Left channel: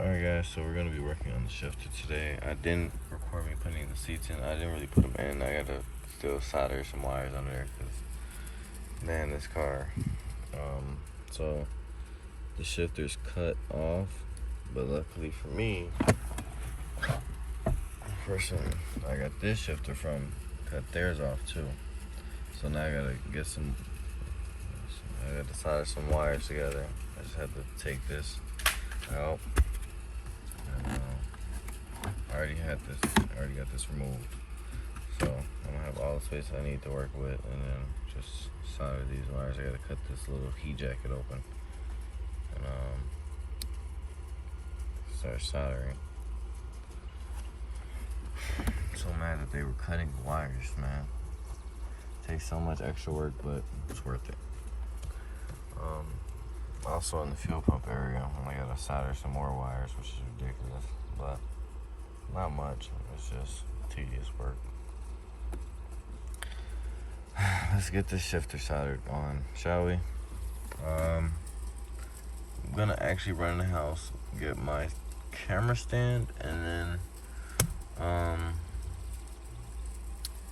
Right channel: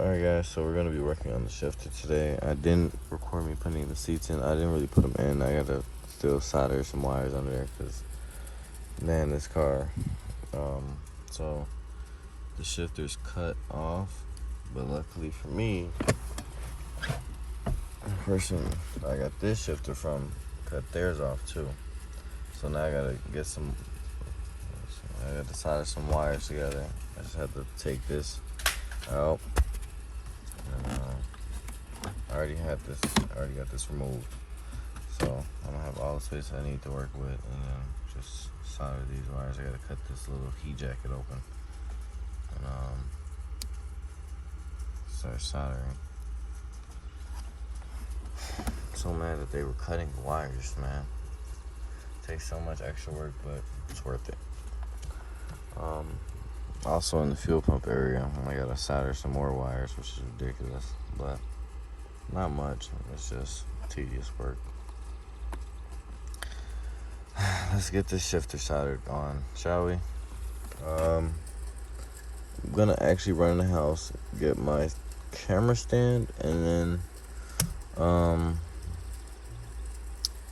Alright guys, so we're gonna be working on the shifter today. I didn't record me putting the seats in. I didn't really put them in. I gotta still solder some wires under there because, man, this car. So the shifter's cut off, but luckily for me, the person I got this shifter from cut theirs off too. So now I gotta get I gotta solder some wires together. I just had to take this out. I already got this removed, so I don't have all the space I need to work with, and then just solder these wires. I gotta cut this little heat jacket open and start soldering. So mad that they were cutting the wires, man. It takes so much extra work, but it's worth it. Also in the fuel pump area, I gotta solder some more wires, which is ridiculous, but not much. It's just tedious work. Let's get this shifter soldered on, shall we? I'm gonna actually run in the house, get my camera stand, and then I'm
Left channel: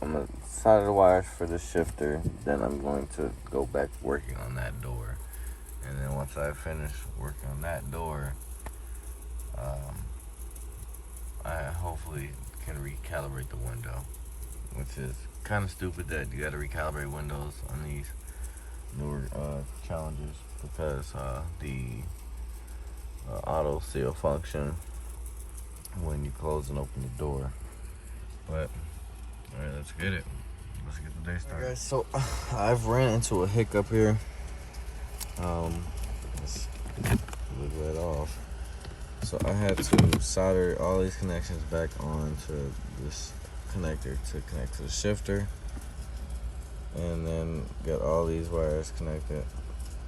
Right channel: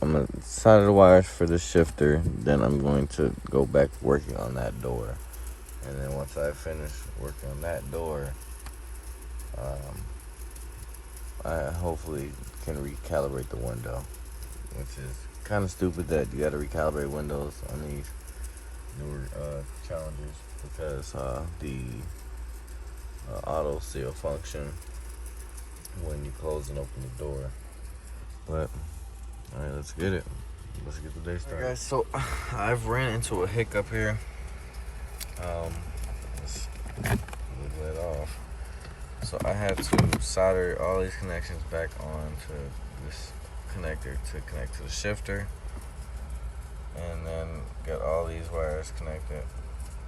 gonna solder the wires for the shifter. Then I'm going to go back working on that door. And then once I finish working on that door, I hopefully can recalibrate the window, which is kind of stupid that you got to recalibrate windows on these newer Challengers because the auto seal function when you close and open the door. But all right, let's get it. Let's get the day started. All right, guys, so I've ran into a hiccup here. Let's wiggle it off. So I had to solder all these connections back onto this connector to connect to the shifter, and then get all these wires connected.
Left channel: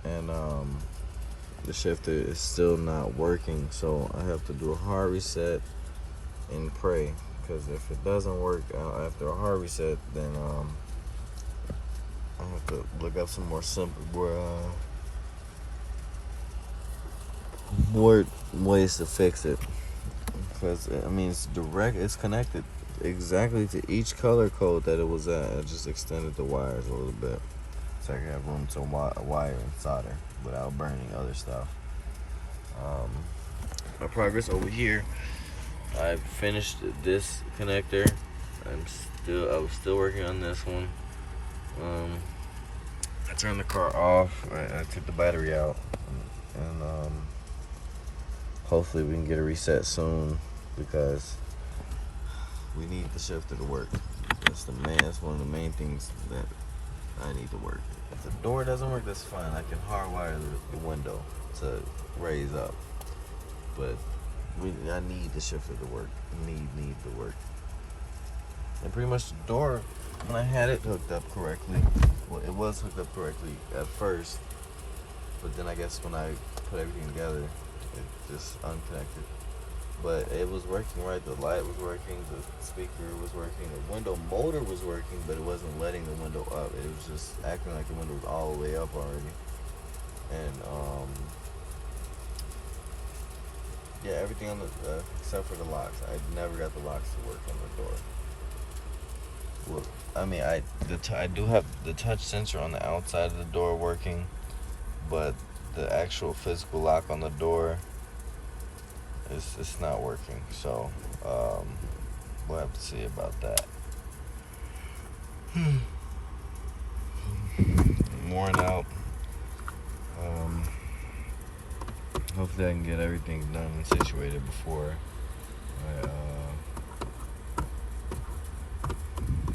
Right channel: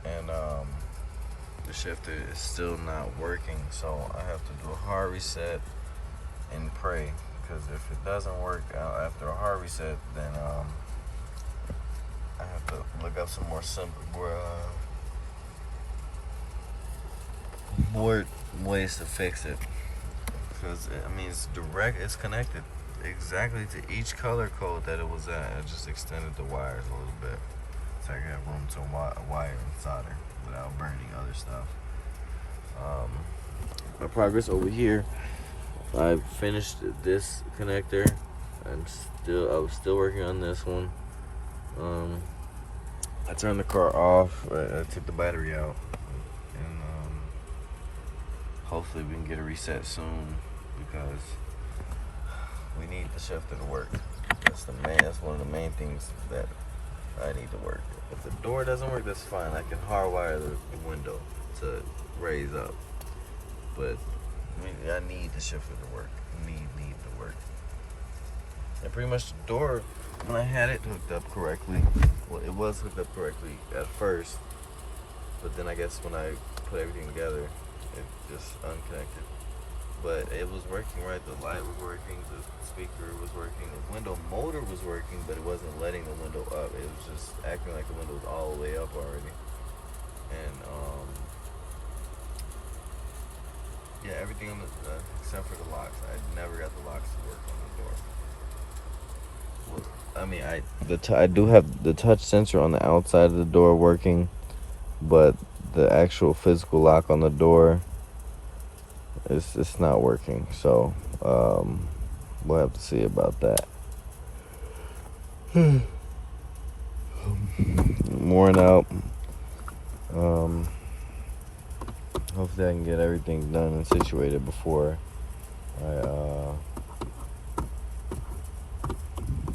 And the shifter is still not working, so I have to do a hard reset and pray, because if it doesn't work after a hard reset, then I have to look up some more more ways to fix it, because I mean it's connected exactly to each color code that it was at. I just extended the wires a little bit so I can have room to wire and solder without burning other stuff. My progress over here, I finished this connector. I was still working on this one. I turned the car off. I took the battery out, and hopefully we can get a reset soon, because we need the shifter to work. That's one of the main things that I need to work. If the door doesn't work, that's fine. I can hardwire the window to raise up, but I need the shifter to work. Need to work. And pretty much the door, when I had it hooked up correctly, well, it was hooked up correctly at first, but then I guess when I put everything together, it just unconnected. But it was working right. The light was working, the speaker was working, the window motor was working, but it wasn't letting the window up. It was just acting like the window was all the way up already. And yeah, everything on the except for the locks. I never got the locks to work on the door. Well, I mean, I do have the touch sensor on the outside of the door working, but the actual physical lock on the door, it's not working. So we'll have to see about that. Worn out. Hopefully I can get everything done and situated before I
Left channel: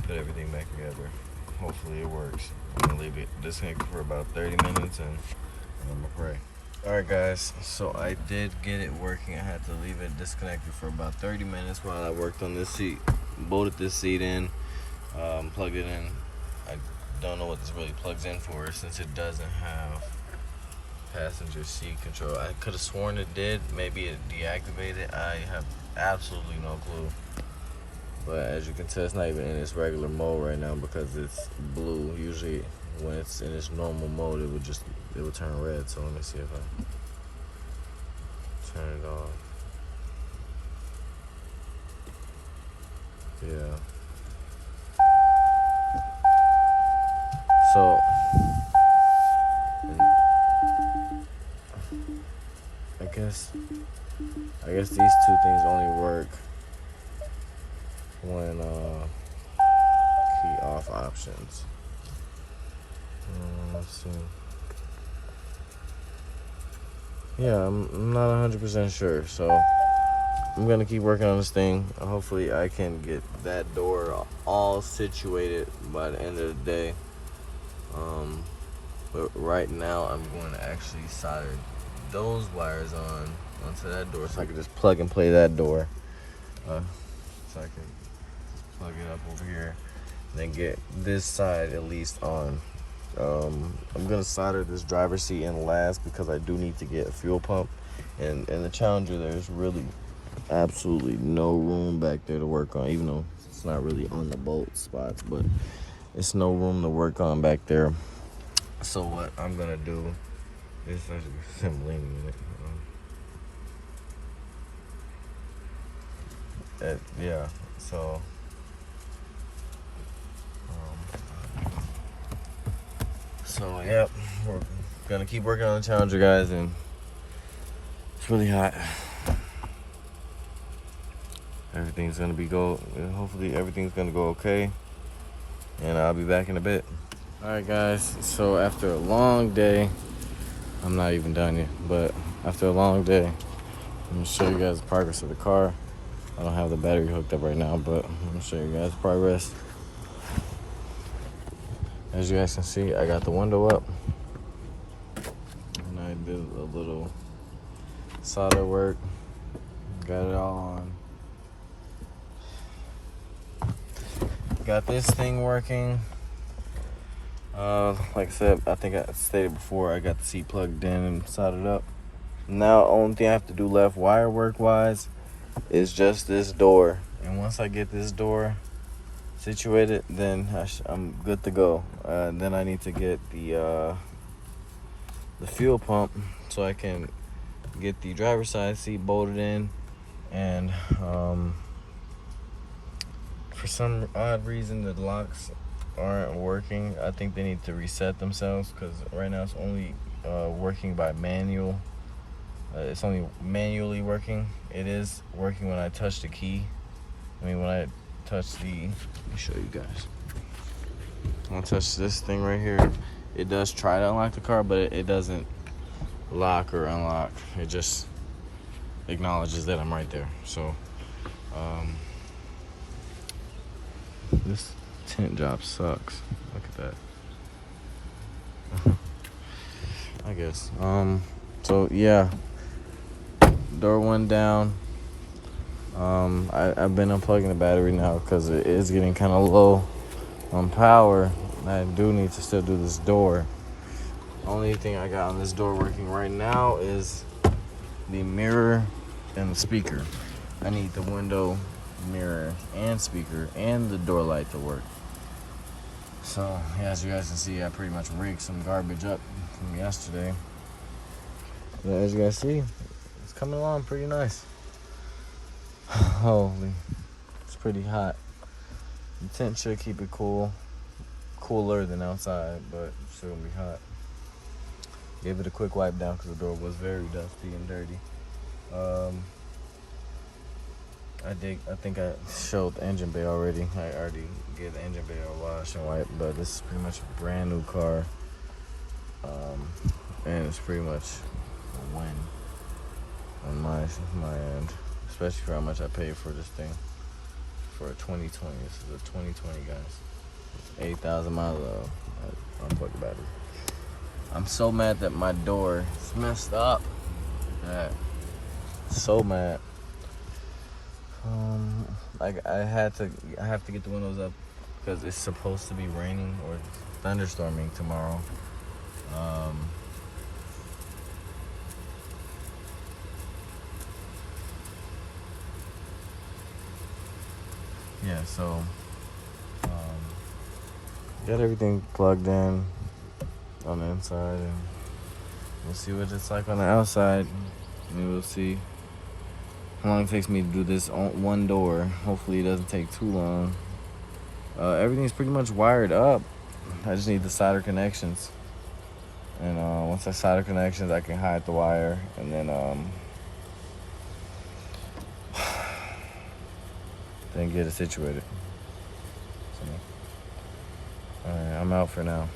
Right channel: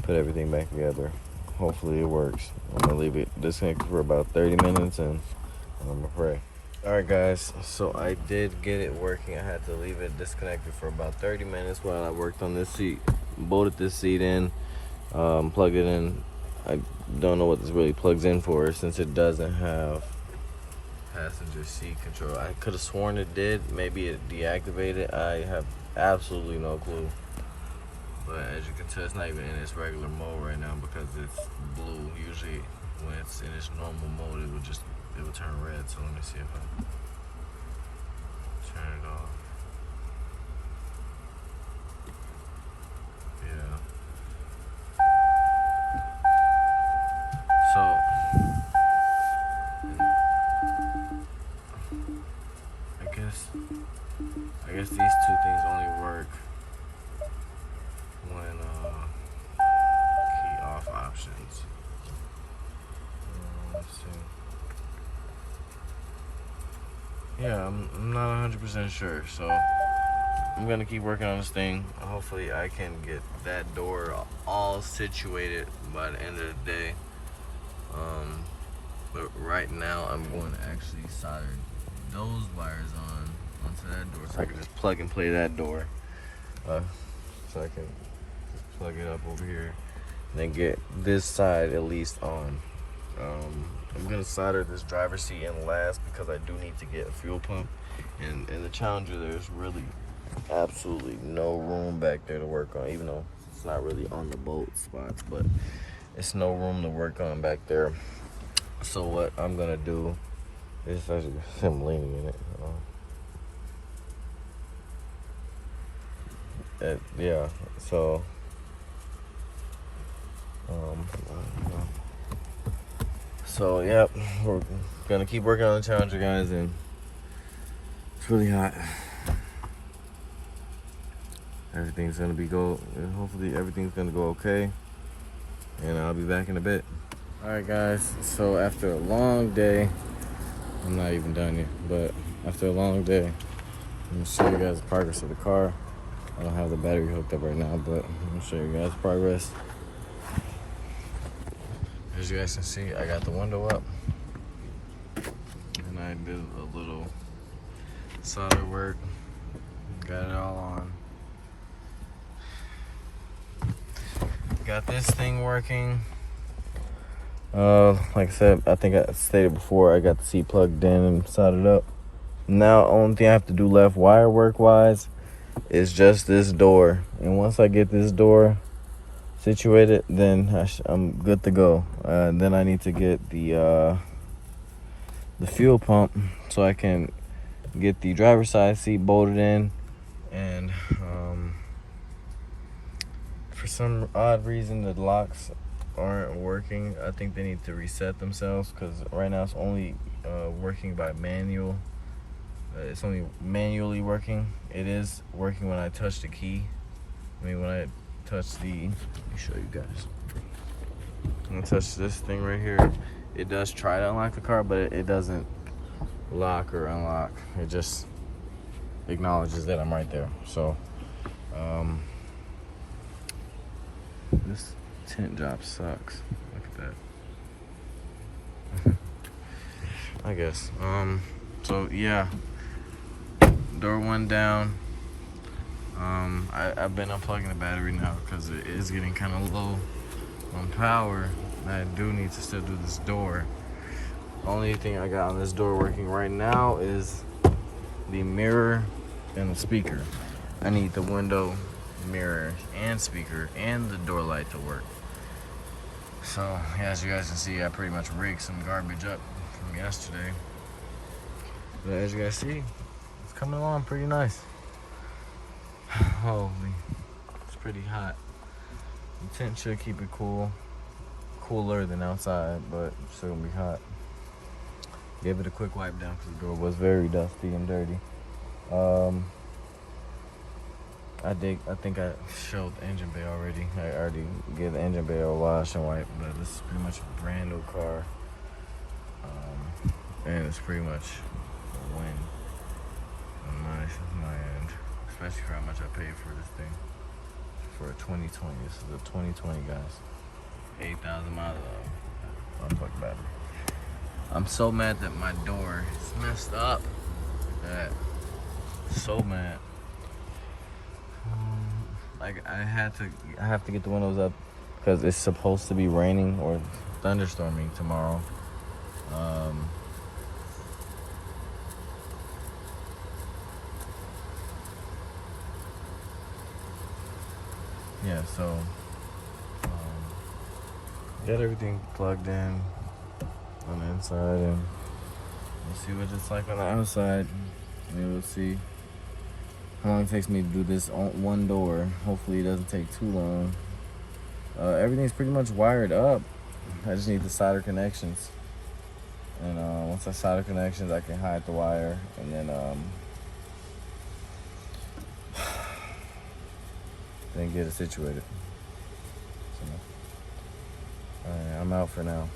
put everything back together. Hopefully it works. I'm gonna leave it disconnected for about 30 minutes and I'm gonna pray. Alright guys, so I did get it working. I had to leave it disconnected for about 30 minutes while I worked on this seat, bolted this seat in, plugged it in. I don't know what this really plugs in for, since it doesn't have passenger seat control. I could have sworn it did. Maybe it deactivated. I have absolutely no clue. But as you can tell, it's not even in its regular mode right now because it's blue. Usually when it's in its normal mode, it would turn red. So let me see if I turn it off. I guess these two things only work when key off options. Let's see. Yeah, I'm not 100% sure, so I'm gonna keep working on this thing. Hopefully I can get that door all situated by the end of the day. But right now I'm going to actually solder those wires onto that door so I can just plug and play that door. So I can just plug it up over here and then get this side at least on. I'm gonna solder this driver's seat in last because I do need to get a fuel pump, and the Challenger, there's really absolutely no room back there to work on, even though it's not really on the bolt spots, but it's no room to work on back there. So what I'm gonna do is him leaning in it. Yeah, so yeah, we're gonna keep working on the Challenger, guys, and it's really hot. Everything's gonna hopefully everything's gonna go okay, and I'll be back in a bit. All right, guys, so after a long day, I'm not even done yet, but after a long day, I'm gonna show you guys the progress of the car. I don't have the battery hooked up right now, but I'm gonna show you guys the progress. As you guys can see, I got the window up, and I did a little solder work, got it all on. Got this thing working. Like I said, I think I stated before, I got the seat plugged in and soldered up. Now, the only thing I have to do left wire work wise is just this door. And once I get this door situated, then I'm good to go. Then I need to get the fuel pump so I can get the driver's side seat bolted in. And for some odd reason, the locks aren't working. I think they need to reset themselves because right now it's only working by manual. It's only manually working. It is working when I touch the key. When I touch let me show you guys. When I touch this thing right here, it does try to unlock the car, but it doesn't lock or unlock. It just acknowledges that I'm right there. So, this tint job sucks. Look at that. I guess. So yeah, door went down. I've been unplugging the battery now because it is getting kind of low on power. I do need to still do this door. The only thing I got on this door working right now is the mirror and the speaker. I need the window, mirror, and speaker, and the door light to work. So, yeah, as you guys can see, I pretty much rigged some garbage up from yesterday. But as you guys see, it's coming along pretty nice. Holy, it's pretty hot. The tent should keep it cooler than outside, but it's still gonna be hot. Gave it a quick wipe down because the door was very dusty and dirty. I think I showed the engine bay already. I already gave the engine bay a wash and wipe, but this is pretty much a brand new car. And it's pretty much a win on my end, especially for how much I paid for this thing for a 2020. This is a 2020, guys. 8,000 miles of unplugged battery. I'm so mad that my door is messed up. So mad. I have to get the windows up because it's supposed to be raining or thunderstorming tomorrow. Yeah, so got everything plugged in on the inside, and we'll see what it's like on the outside. And we'll see how long it takes me to do this on one door. Hopefully it doesn't take too long. Everything's pretty much wired up. I just need the solder connections. And once I solder connections, I can hide the wire. And then then get it situated. So, all right, I'm out for now.